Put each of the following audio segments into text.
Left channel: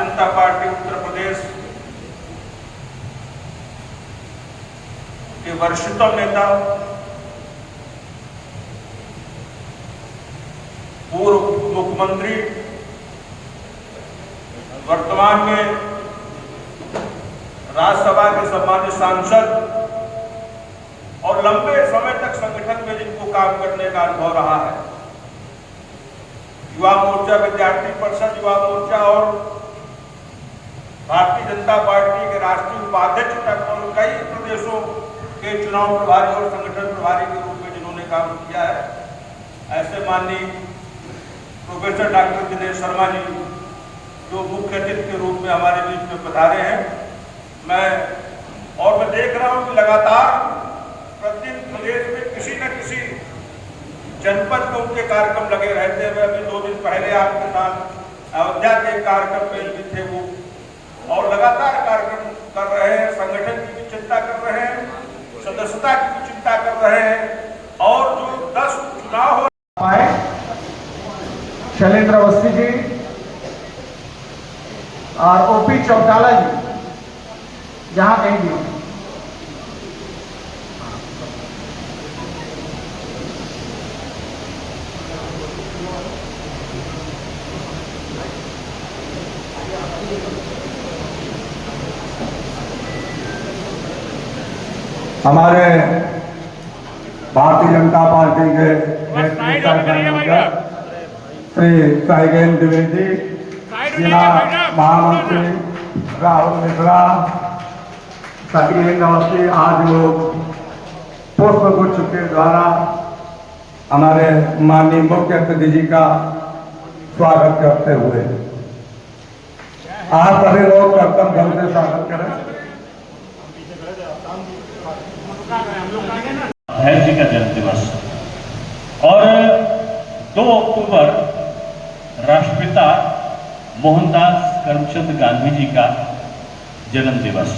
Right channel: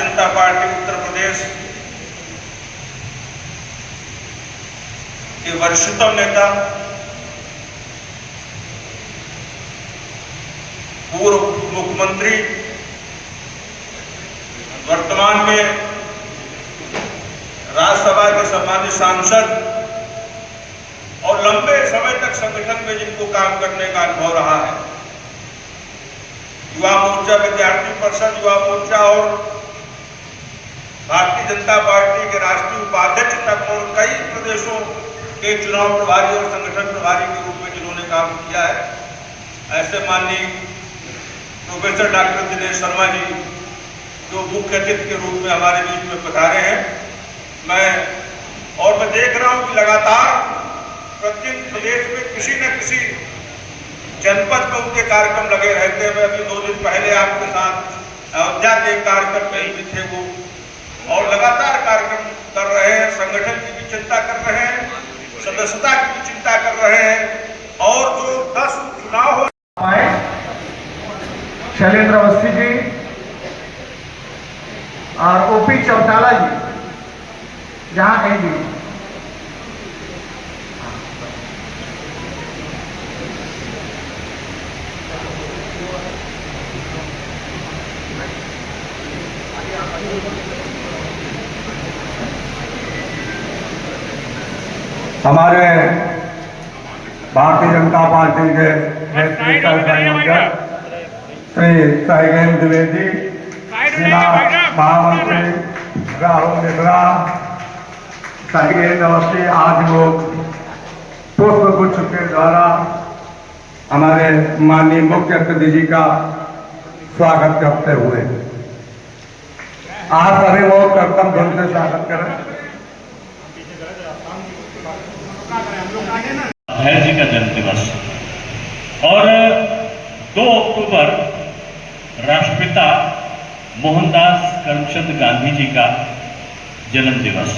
Bharatiya Janata party Uttar Pradesh के वरिष्ठतम नेता, पूर्व मुख्यमंत्री, वर्तमान में राज्यसभा के सम्मानित सांसद और लंबे समय तक संगठन में जिनको काम करने का अनुभव रहा है, युवा मोर्चा, विद्यार्थी परिषद, युवा मोर्चा और भारतीय जनता पार्टी के राष्ट्रीय उपाध्यक्ष तक और कई प्रदेशों के चुनाव प्रभारी और संगठन प्रभारी के रूप में जिन्होंने काम किया है, ऐसे माननीय प्रोफेसर डॉक्टर दिनेश शर्मा जी जो मुख्य अतिथि के रूप में हमारे बीच में पधारे हैं, मैं देख रहा हूं कि लगातार प्रतिदिन प्रदेश में किसी न किसी जनपद में उनके कार्यक्रम लगे रहते हैं। मैं अभी 2 दिन पहले आपके साथ अयोध्या के कार्यक्रम कहीं भी थे वो, और लगातार कार्यक्रम कर रहे हैं, संगठन की भी चिंता कर रहे हैं, सदस्यता की भी चिंता कर रहे हैं, और जो 10 चुनाव हो पाए शैलेंद्र अवस्थी जी और ओपी चौटाला जी जहां कहीं भी हमारे भारतीय जनता पार्टी के नेता श्री साइगेन द्विवेदी, जिला महामंत्री राहुल मिश्रा, साइगेन अवस्थी, आज लोग पुष्प गुच्छ के द्वारा हमारे माननीय मुख्य अतिथि जी का स्वागत करते हुए आप सभी लोग कर्तव्य ढंग से स्वागत करें। भाई जी का जन्म दिवस और 2 अक्टूबर राष्ट्रपिता मोहनदास करमचंद गांधी जी का जन्म दिवस।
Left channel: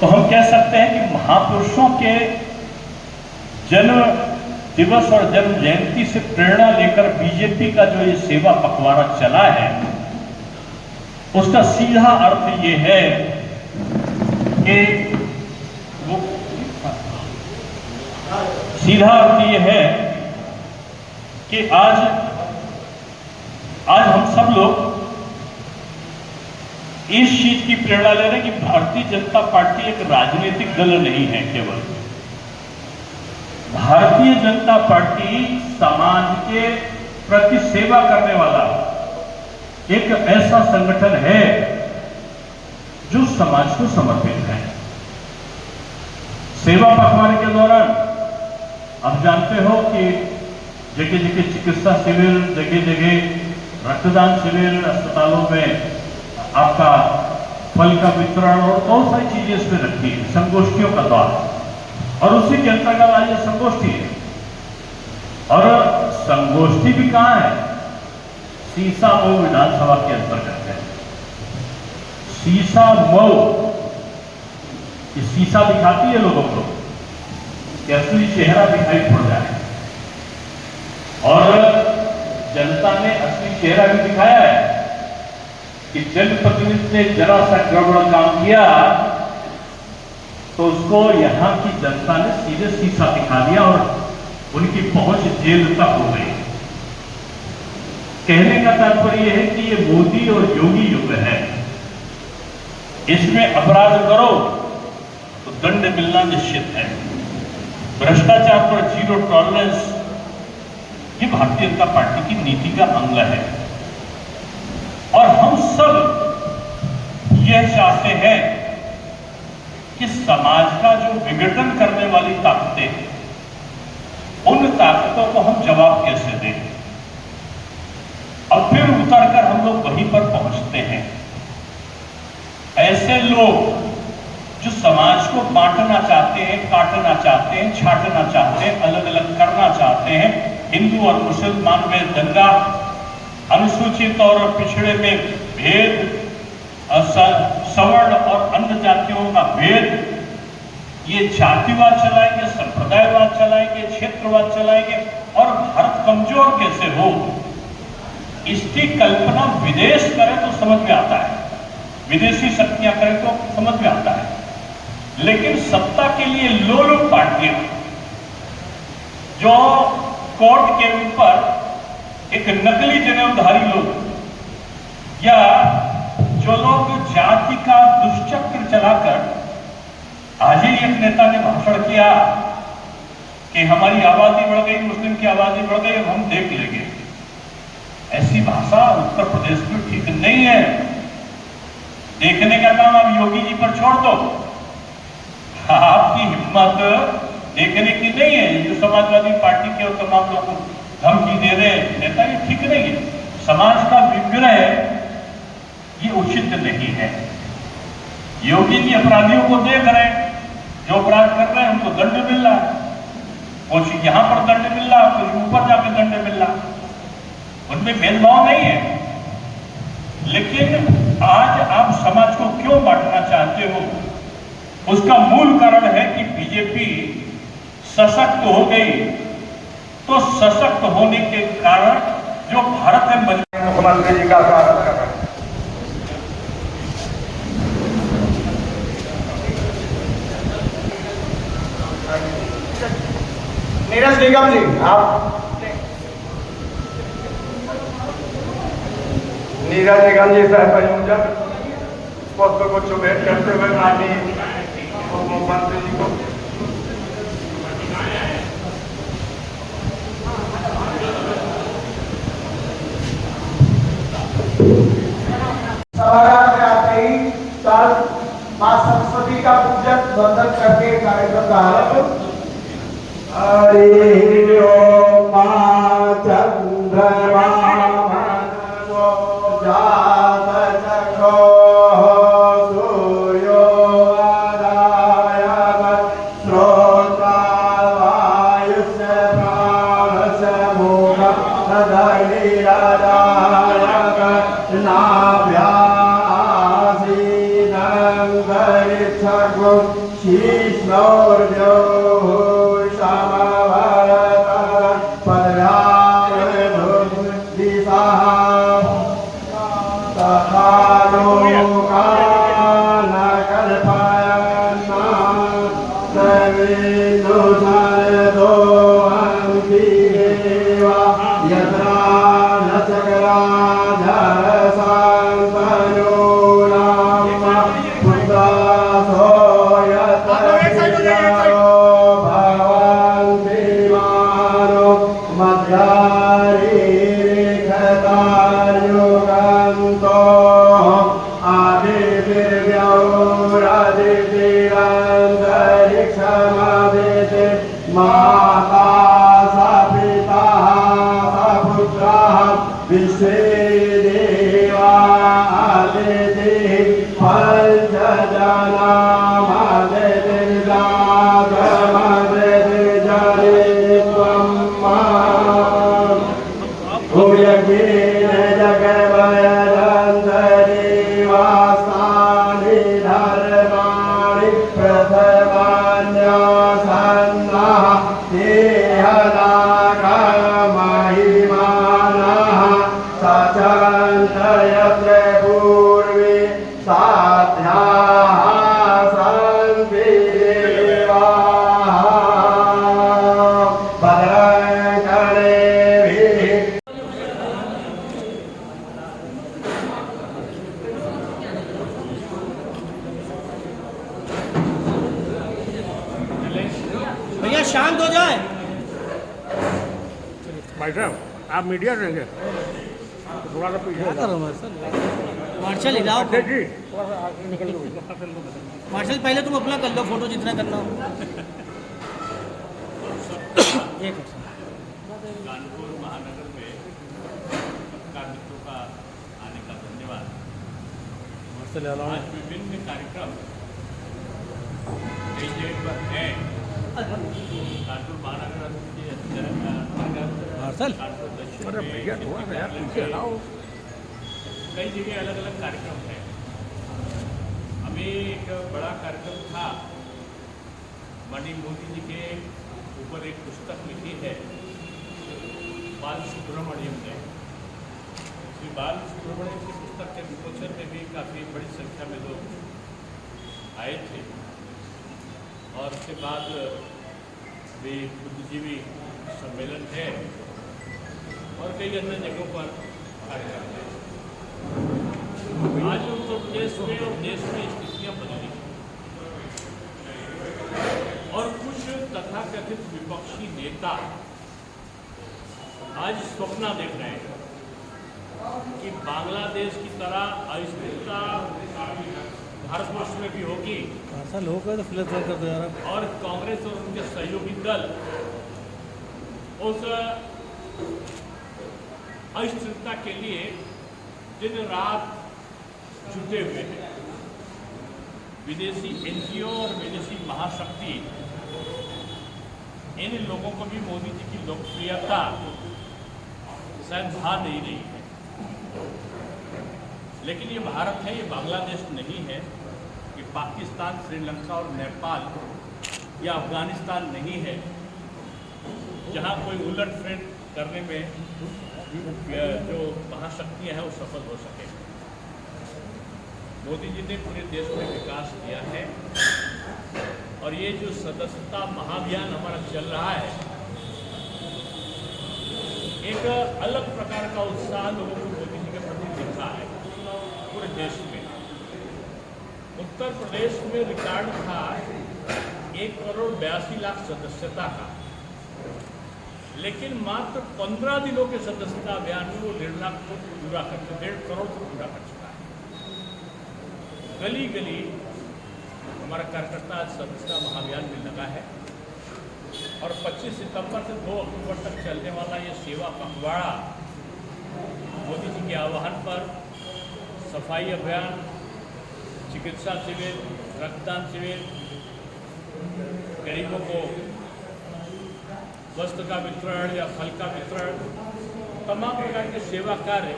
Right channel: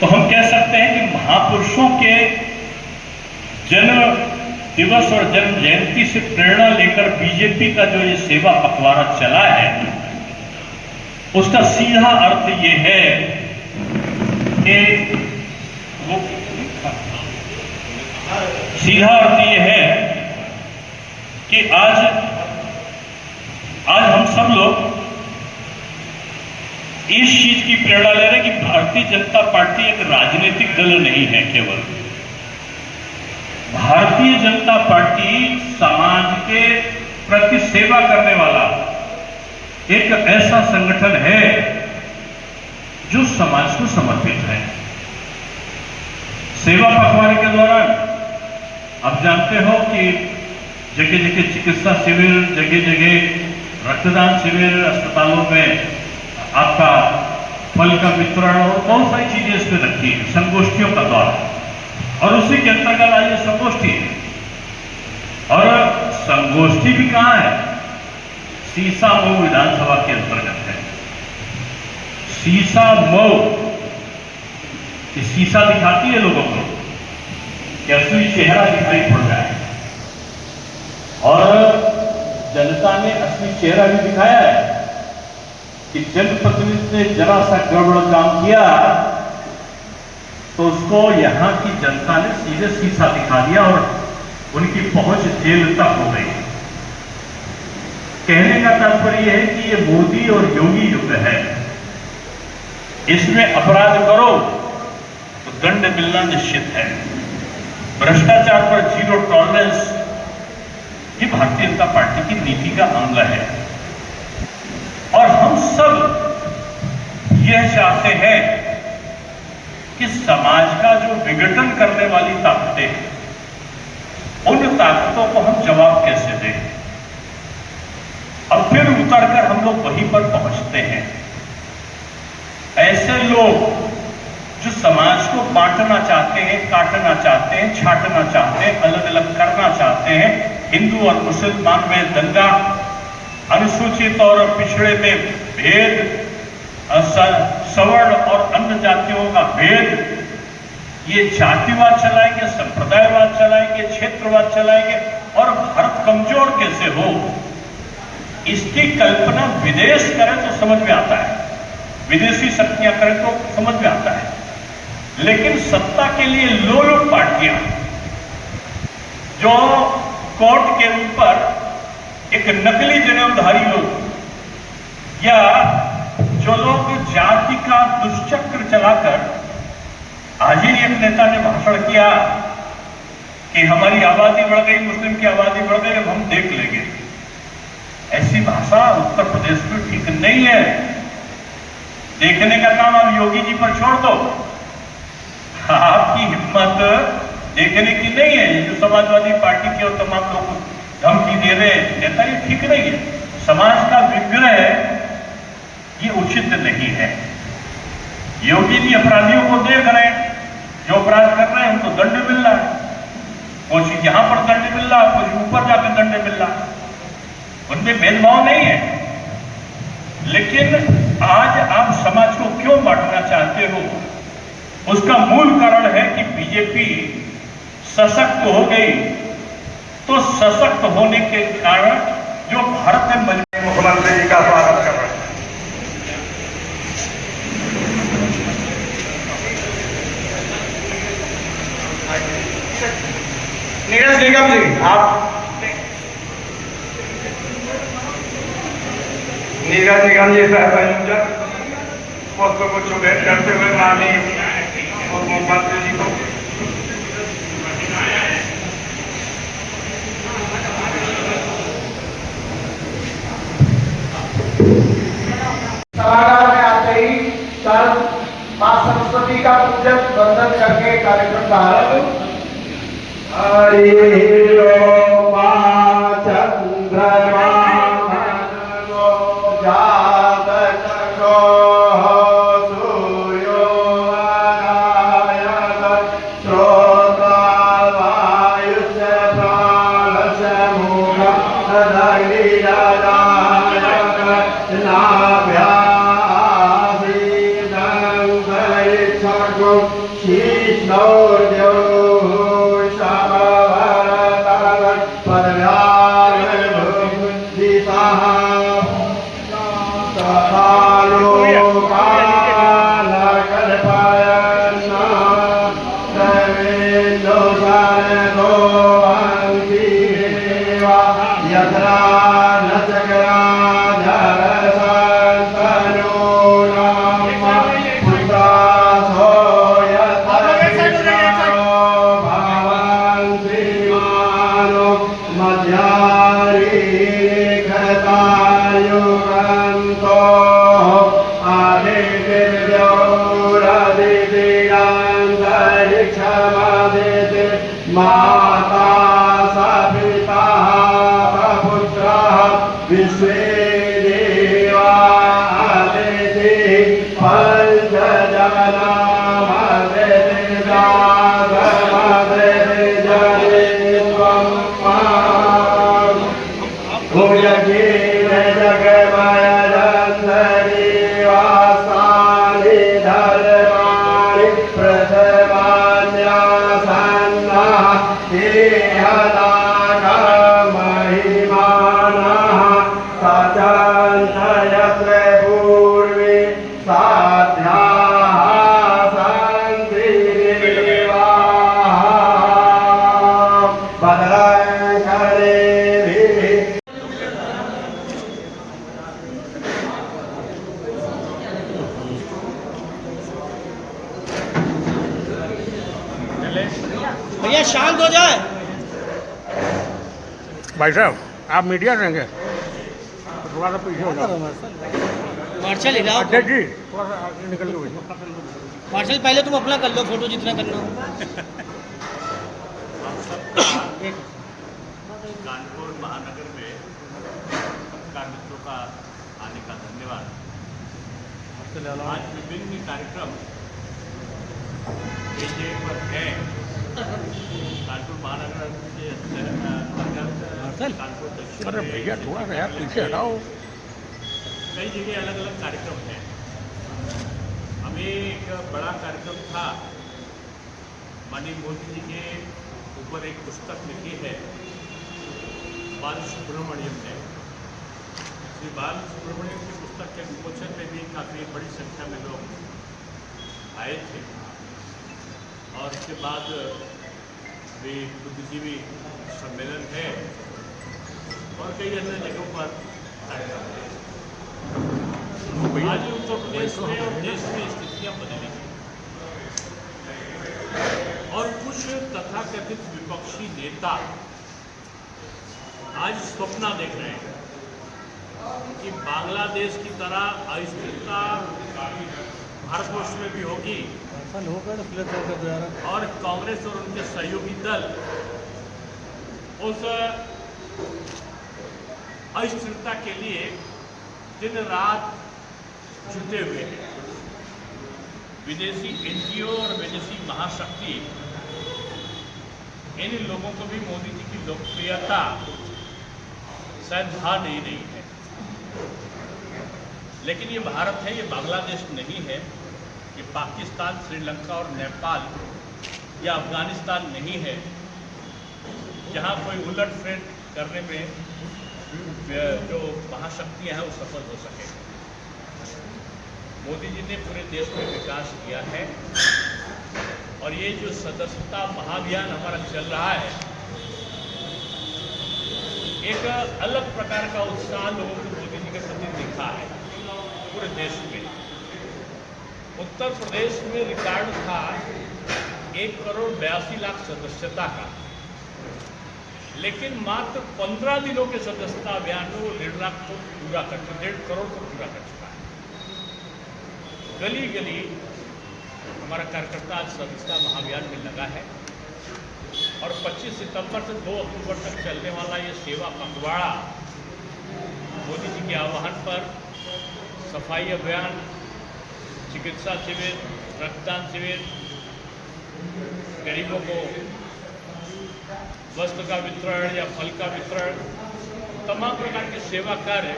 तो हम कह सकते हैं कि महापुरुषों के जन्म दिवस और जन्म जयंती से प्रेरणा लेकर बीजेपी का जो ये सेवा पखवाड़ा चला है, उसका सीधा अर्थ ये है कि सीधा अर्थ यह है कि आज हम सब लोग इस चीज की प्रेरणा ले रहे हैं कि भारतीय जनता पार्टी एक राजनीतिक दल नहीं है। केवल भारतीय जनता पार्टी समाज के प्रति सेवा करने वाला एक ऐसा संगठन है जो समाज को समर्पित है। सेवा पखवाड़े के दौरान आप जानते हो कि जगह जगह चिकित्सा शिविर, जगह जगह रक्तदान शिविर, अस्पतालों में आपका फल का वितरण और बहुत सारी चीजें इसमें रखी है, संगोष्ठियों का दौर, और उसी के अंतर्गत आज ये संगोष्ठी है। और संगोष्ठी भी कहां है? सीसामऊ विधानसभा के अंतर्गत है। सीसामऊ, शीशा दिखाती है लोगों को कि असली चेहरा दिखाई पड़ रहा है, और जनता ने असली चेहरा भी दिखाया है कि जनप्रतिनिधि ने जरा सा गड़बड़ काम किया तो उसको यहां की जनता ने सीधे शीशा दिखा दिया और उनकी पहुंच जेल तक हो गई। कहने का तात्पर्य यह है कि ये मोदी और योगी युग है। इसमें अपराध करो तो दंड मिलना निश्चित है। भ्रष्टाचार पर 0 टॉलरेंस, ये भारतीय जनता पार्टी की नीति का अंग है। और हम सब यह चाहते हैं कि समाज का जो विघटन करने वाली ताकतें हैं, उन ताकतों को हम जवाब कैसे दें। अब फिर उतरकर हम लोग वहीं पर पहुंचते हैं। ऐसे लोग जो समाज को बांटना चाहते हैं, काटना चाहते हैं, छांटना चाहते हैं, अलग अलग करना चाहते हैं, हिंदू और मुसलमान में दंगा, अनुसूचित और पिछड़े में भेद, सवर्ण और अन्य जातियों का भेद, ये जातिवाद चलाएंगे, संप्रदायवाद चलाएंगे, क्षेत्रवाद चलाएंगे, और भारत कमजोर कैसे हो, इसकी कल्पना विदेश करें तो समझ विदेशी शक्तियां करें तो समझ में आता है, लेकिन सत्ता के लिए लोलुप पार्टियां जो कोर्ट के ऊपर एक नकली जनेऊधारी लोग या जो लोग जाति का दुष्चक्र चलाकर, आज ही एक नेता ने भाषण किया कि हमारी आबादी बढ़ गई, मुस्लिम की आबादी बढ़ गई, अब हम देख लेंगे। ऐसी भाषा उत्तर प्रदेश में ठीक नहीं है। देखने का काम अब योगी जी पर छोड़ दो। आपकी हिम्मत देखने की नहीं है। जो समाजवादी पार्टी के और तमाम लोग धमकी दे रहे नेता, ये ठीक नहीं है। समाज का विग्रह ये उचित नहीं है। योगी जी अपराधियों को देख रहे हैं, जो अपराध कर रहे हैं उनको दंड मिल रहा है। कुछ यहां पर दंड मिल रहा है, कुछ ऊपर जाकर दंड मिल रहा है। उनमें भेदभाव नहीं है। लेकिन आज आप समाज को क्यों बांटना चाहते हो? उसका मूल कारण है कि बीजेपी सशक्त हो गई। तो सशक्त होने के कारण जो भारत में मुख्यमंत्री जी का स्वागत कर रहे हैं। नीरज निगम जी, आप नीरज निगम जी सह संयोजक पुष्प गुच्छ भेंट करते हुए माननीय मुख्यमंत्री जी को सभागार में आते ही चारों मां सरस्वती का पूजन वंदन करके कार्यक्रम का आरंभ। हरि ओम चंद्रमा भैया शांत हो जाए। भाई साहब आप मीडिया रहेंगे तो थोड़ा सा पीछे हो जाओ। मार्शल हिलाओ। अच्छा जी थोड़ा सा आगे निकल के बैठो। मार्शल पहले तुम अपना कर लो फोटो जितना करना हो। कानपुर महानगर में पत्रकार मित्रों का आने का धन्यवाद। आज विभिन्न कार्यक्रम पर है। कानपुर महानगर कानपुर दक्षिण अरे भैया थोड़ा सा यार पीछे हटाओ। कई जगह अलग अलग कार्यक्रम है। हमें एक बड़ा कार्यक्रम था, माननीय मोदी जी के ऊपर एक पुस्तक लिखी है बाल सुब्रमण्यम ने। श्री बाल सुब्रमण्यम की पुस्तक के विमोचन में भी काफ़ी बड़ी संख्या संख्या में लोग आए थे और इसके बाद भी बुद्धिजीवी सम्मेलन है और कई अन्य जगहों पर कार्यक्रम है। आज उत्तर प्रदेश में और देश में स्थितियां बदली और कुछ तथाकथित विपक्षी नेता आज सपना देख रहे हैं कि बांग्लादेश की तरह अस्थिरता भारतवर्ष में भी होगी और कांग्रेस और उनके सहयोगी दल उस अस्थिरता के लिए दिन रात जुटे हुए हैं। विदेशी एनजीओ और विदेशी महाशक्ति इन लोगों को भी मोदी जी की लोकप्रियता शायद भा नहीं रही है। लेकिन ये भारत है, ये बांग्लादेश नहीं है, ये पाकिस्तान, श्रीलंका और नेपाल या अफगानिस्तान नहीं है जहाँ कोई उलटफेर करने में जो महाशक्तियाँ हैं वो सफल हो सके। मोदी जी ने पूरे देश में विकास किया है और ये जो सदस्यता महाअभियान हमारा चल रहा है, एक अलग प्रकार का उत्साह लोगों को मोदी जी के प्रति दिखा है पूरे देश में। उत्तर प्रदेश में रिकॉर्ड था 1,82,00,000 सदस्यता का, लेकिन मात्र 15 दिनों के सदस्यता अभियान में वो 1.5 लाख को पूरा कर चुका, 1.5 करोड़ को पूरा कर चुका है। गली गली हमारा कार्यकर्ता आज सदस्यता महाअभियान में लगा है और 25 सितंबर से 2 अक्टूबर तक चलने वाला ये सेवा पखवाड़ा मोदी जी के आह्वान पर सफाई अभियान, चिकित्सा शिविर, रक्तदान शिविर, गरीबों को वस्त्र का वितरण या फल का वितरण, तमाम प्रकार के सेवा कार्य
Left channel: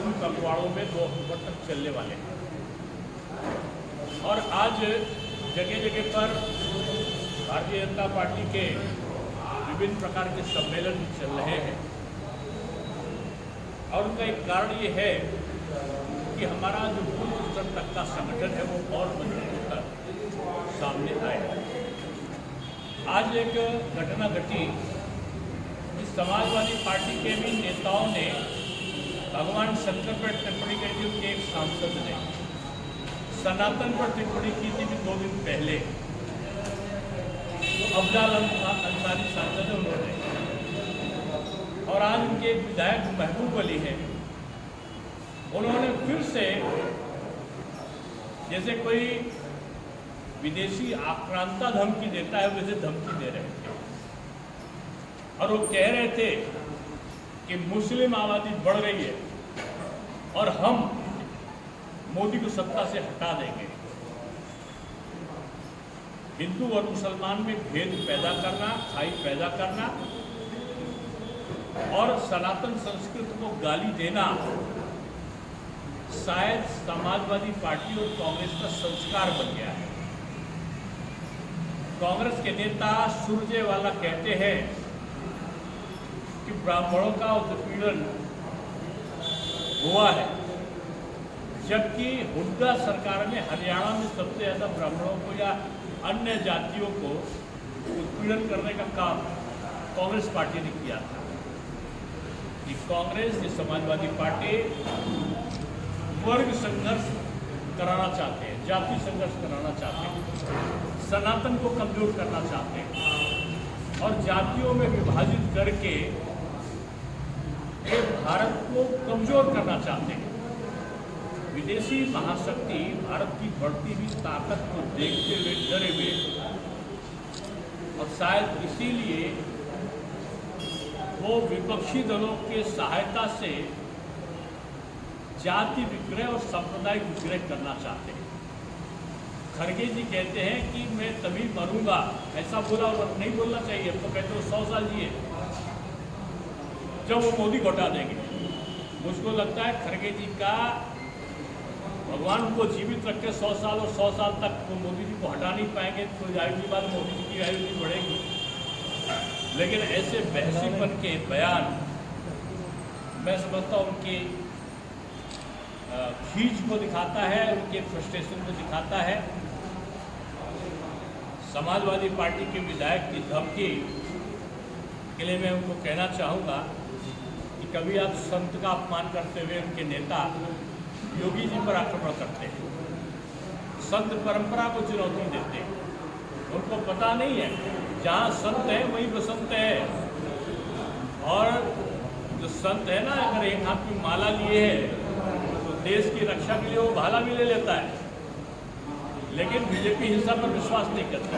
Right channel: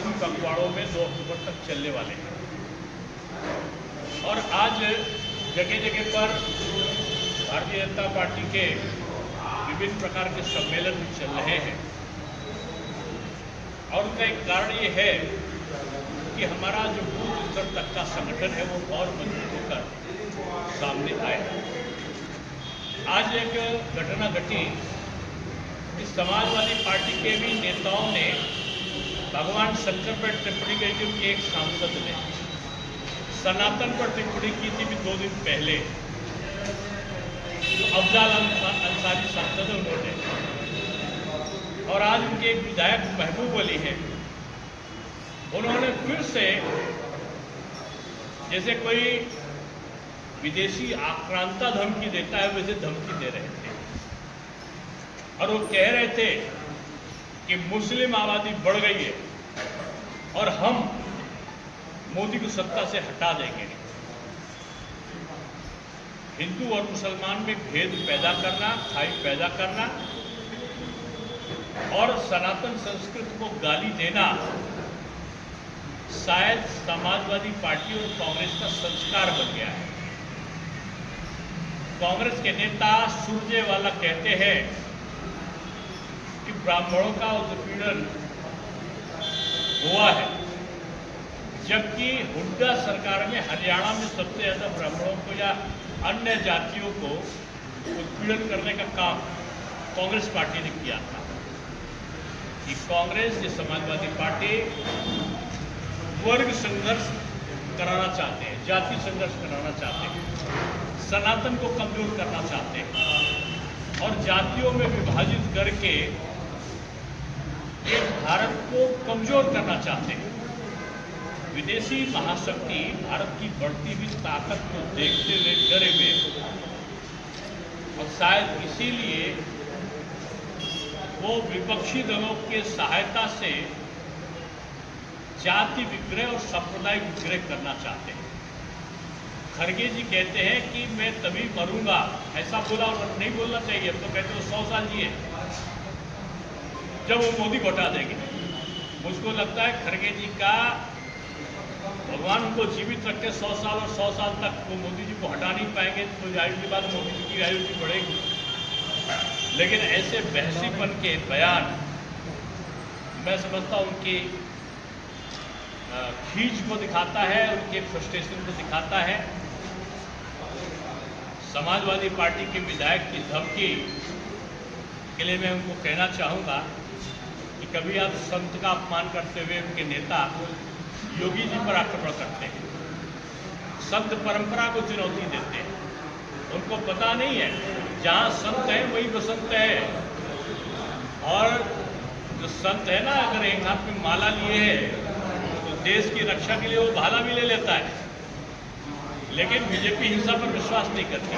इन पखवाड़ों में 2 अक्टूबर तक चलने वाले हैं। और आज जगह जगह पर भारतीय जनता पार्टी के विभिन्न प्रकार के सम्मेलन भी चल रहे हैं और उनका एक कारण ये है कि हमारा जो बूथ स्तर तक का संगठन है वो और मजबूत होकर सामने आए। आज एक घटना घटी कि समाजवादी पार्टी के भी नेताओं ने भगवान शंकर पर टिप्पणी की थी। उनके एक सांसद ने सनातन पर टिप्पणी की थी भी 2 दिन पहले, तो अफजाल अंसारी सांसद है उन्होंने, और आज उनके एक विधायक महबूब अली हैं, उन्होंने फिर से जैसे कोई विदेशी आक्रांता धमकी देता है वैसे धमकी दे रहे थे और वो कह रहे थे कि मुस्लिम आबादी बढ़ गई है और हम मोदी को सत्ता से हटा देंगे। हिंदू और मुसलमान में भेद पैदा करना, खाई पैदा करना और सनातन संस्कृति को गाली देना शायद समाजवादी पार्टी और कांग्रेस का संस्कार बन गया है। कांग्रेस के नेता सुरजेवाला कहते हैं कि ब्राह्मणों का उत्पीड़न हुआ है, जबकि हुड्डा सरकार में हरियाणा में सबसे ज़्यादा ब्राह्मणों को या अन्य जातियों को उत्पीड़न करने का काम कांग्रेस पार्टी ने किया था। कि कांग्रेस, ये समाजवादी पार्टी वर्ग संघर्ष कराना चाहते हैं, जाति संघर्ष कराना चाहते हैं, सनातन को कमजोर करना चाहते हैं और जातियों में विभाजित करके ये भारत को कमजोर करना चाहते हैं। विदेशी महाशक्ति भारत की बढ़ती हुई ताकत को देखते हुए डरे हुए और शायद इसीलिए वो विपक्षी दलों के सहायता से जाति विग्रह और सांप्रदायिक विग्रह करना चाहते हैं। खड़गे जी कहते हैं कि मैं तभी मरूंगा, ऐसा बोला और नहीं बोलना चाहिए, अब तो कहते हो 100 साल जिए, जब वो मोदी को हटा देंगे। मुझको लगता है खड़गे जी का भगवान उनको जीवित रखे 100 साल और 100 साल तक वो मोदी जी को हटा नहीं पाएंगे, तो जाहिर सी बात मोदी जी की आयु भी बढ़ेगी। लेकिन ऐसे बहसीपन के बयान मैं समझता हूँ उनकी खींच को दिखाता है, उनके फ्रस्ट्रेशन को दिखाता है। समाजवादी पार्टी के विधायक की धमकी के लिए मैं उनको कहना चाहूँगा कि कभी आप संत का अपमान करते हुए उनके नेता योगी जी पर आक्रमण करते हैं, संत परंपरा को चुनौती देते हैं। उनको पता नहीं है जहाँ संत है वहीं बसंत है। और जो संत है ना, अगर एक हाथ में माला लिए है तो देश की रक्षा के लिए वो भाला भी ले लेता है, लेकिन बीजेपी हिंसा पर विश्वास नहीं करती।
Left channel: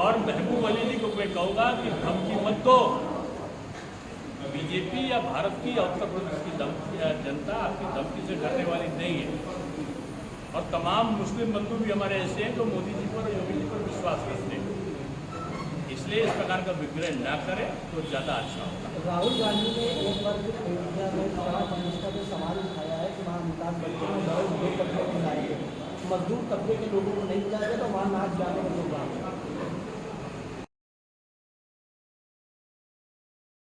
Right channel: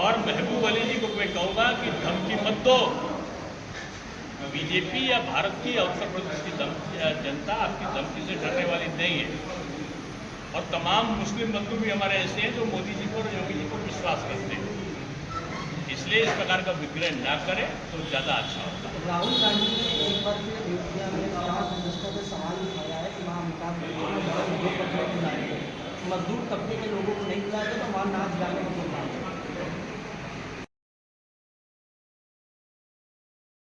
और महबूब अली जी को मैं कहूँगा कि धमकी मत दो। बीजेपी या भारत की या उत्तर प्रदेश की जनता आपकी धमकी से डरने वाली नहीं है। और तमाम मुस्लिम बंधु भी हमारे ऐसे हैं जो मोदी जी पर, योगी जी पर विश्वास करते हैं। इसलिए इस प्रकार का विग्रह ना करें तो ज़्यादा अच्छा होगा। राहुल गांधी ने एक बार फिर अयोध्या में प्राइम मिनिस्टर से सवाल उठाया है कि वहाँ अमिताभ बच्चन मजदूर तबके के लोगों